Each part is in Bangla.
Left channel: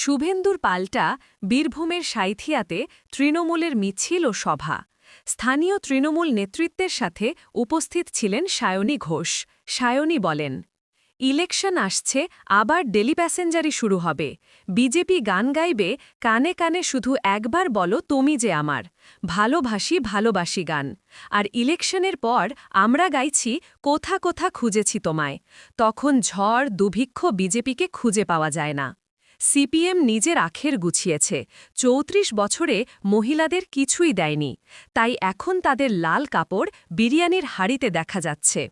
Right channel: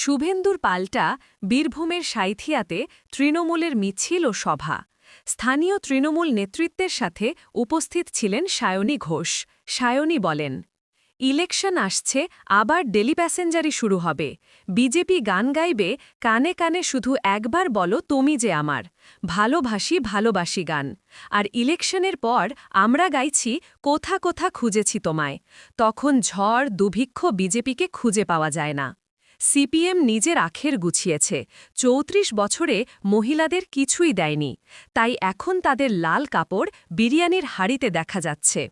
শুভেন্দুর পাল্টা বীরভূমের সাঁইথিয়াতে তৃণমূলের মিছিল ও সভা। স্থানীয় তৃণমূল নেতৃত্বের সাথে উপস্থিত ছিলেন সায়নী ঘোষ। সায়নী বলেন, ইলেকশন আসছে, আবার ডেলি প্যাসেঞ্জারি শুরু হবে। বিজেপি গান গাইবে, কানে কানে শুধু একবার বলো তুমি যে আমার। ভালোবাসি ভালোবাসি গান। আর ইলেকশনের পর আমরা গাইছি কোথা কোথা খুঁজেছি তোমায়। তখন ঝড় দুর্ভিক্ষ বিজেপিকে খুঁজে পাওয়া যায় না। সিপিএম নিজের আখের গুছিয়েছে, ৩৪ বছরে মহিলাদের কিছুই দেয়নি, তাই এখন তাদের লাল কাপড় বিরিয়ানির হাড়িতে দেখা যাচ্ছে।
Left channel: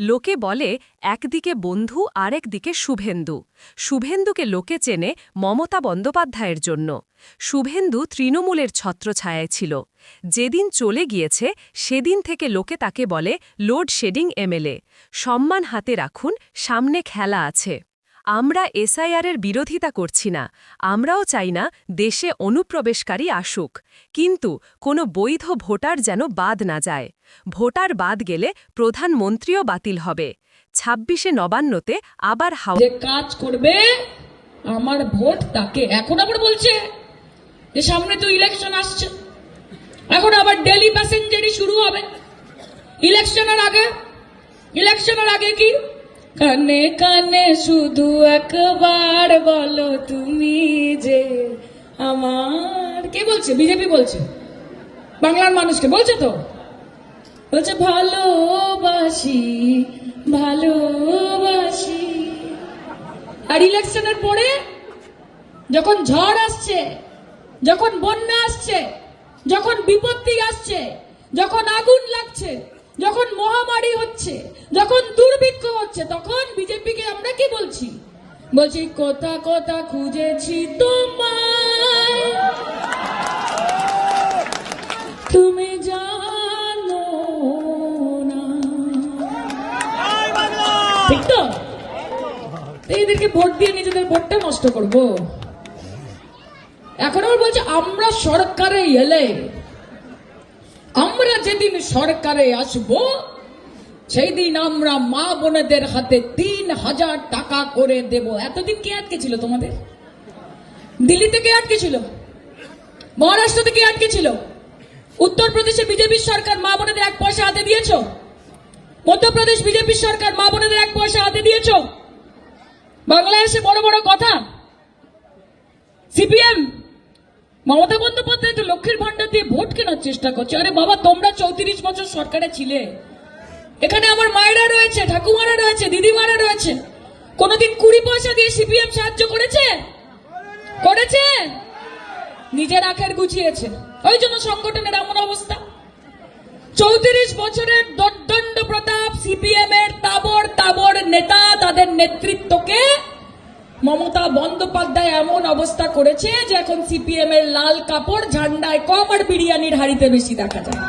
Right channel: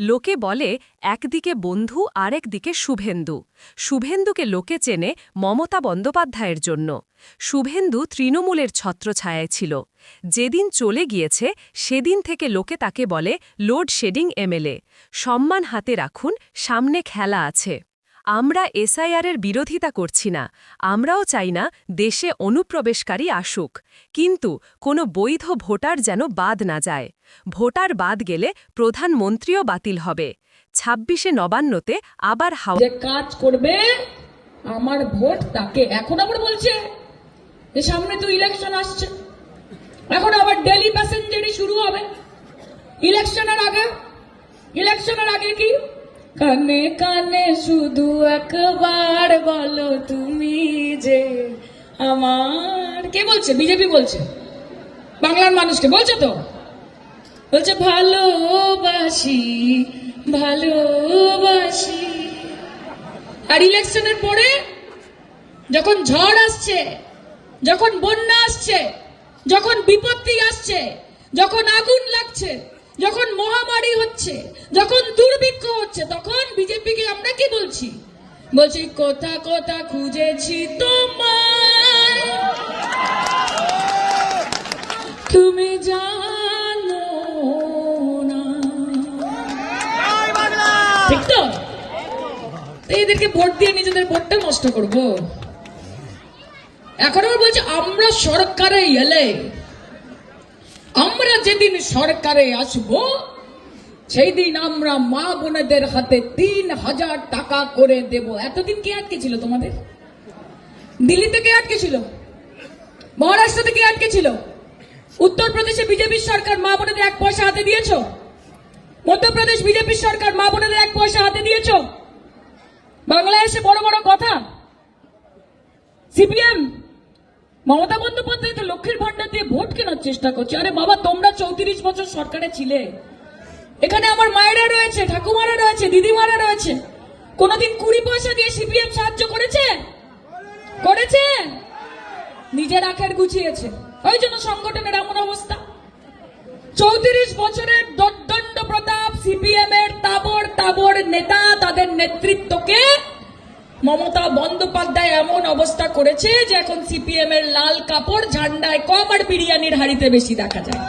লোকে বলে একদিকে বন্ধু আরেকদিকে শুভেন্দু। শুভেন্দুকে লোকে চেনে মমতা বন্দ্যোপাধ্যায়ের জন্য। শুভেন্দু তৃণমূলের ছত্রছায়ায় ছিল। যেদিন চলে গিয়েছে সেদিন থেকে লোকে তাকে বলে লোডশেডিং এমএলএ। সম্মান হাতে রাখুন, সামনে খেলা আছে। আমরা এসআইআরের বিরোধিতা করছি না, আমরাও চাই না দেশে অনুপ্রবেশকারী আসুক, কিন্তু কোনো বৈধ ভোটার যেন বাদ না যায়। ভোটার বাদ গেলে প্রধানমন্ত্রীও বাতিল হবে। ২৬শে নবান্নতে আবার কাজ করবে আমার ভোট তাকে। এখন আবার বলছে সামনে তো ইলেকশন আসছে, এখন আবার ডেলি প্যাসেঞ্জারি শুরু হবে ইলেকশনের আগে কি কানে কানে শুধু একবার বলো তুমি যে আমার। কে বলছে? বিজেপি বলছে, বাংলার মানুষকে বলছে তো, বলছে ভালোবাসি ভালোবাসি। আর ইলেকশনের পরে যখন ঝড় আসছে, যখন বন্যা আসছে, যখন বিপত্তি আসছে, যখন আগুন লাগছে, যখন মহামারী হচ্ছে, যখন দুর্ভিক্ষ হচ্ছে, তখন বিজেপিকে আমরা কি বলছি? বলছি কোথা কোথা খুঁজেছি তোমায়, তুমি জানো না। ঠিক তো? এইদেরকে ভোট দিয়ে নিজেদের ভোটটা নষ্ট করবো। এখন আবার বলছে আমরা সরকারে এলে, আমরা যেদিন সরকারে আসবো সেই দিন আমরা মা বোনেদের হাতে ৩,০০০ টাকা করে দেব। এতদিন কে আটকে ছিল তোমাদের? দিল্লিতে কে আটকে ছিল? মহারাষ্ট্র থেকে আটকে ছিল? উত্তরপ্রদেশে বিজেপির সরকার মা বোনেদের ১ পয়সা হাতে দিয়েছ? মধ্যপ্রদেশ বিজেপির সরকার মা বোনেদের ১ পয়সা হাতে দিয়েছ? বাংলায় এসে বড় বড় কথা। সিপিএম মমতা বন্দ্যোপাধ্যায় তো লক্ষ্মীর ভান্ডার দিয়ে ভোট কেনার চেষ্টা করছে। আরে বাবা, তোমরা ৩৪ বছর সরকারে ছিলে, এখানে আমার মায়েরা রয়েছে, ঠাকুমারা রয়েছে, দিদিমারা রয়েছে। কোনদিন ২০ পয়সা দিয়ে সিপিএম সাহায্য করেছে? করেছে? নিজের আখের গুছিয়েছে, ওই জন্য সংগঠনের এমন অবস্থা। ৩৪ বছরের দর্দণ্ড প্রতাপ সিপিএম এর তাবড় তাবড় নেতা, তাদের নেতৃত্বকে মমতা বন্দ্যোপাধ্যায় এমন অবস্থা করেছে যে এখন সিপিএম এর লাল কাপড় ঝান্ডায় কম আর বিরিয়ানির হাড়িতে বেশি দেখা যায়।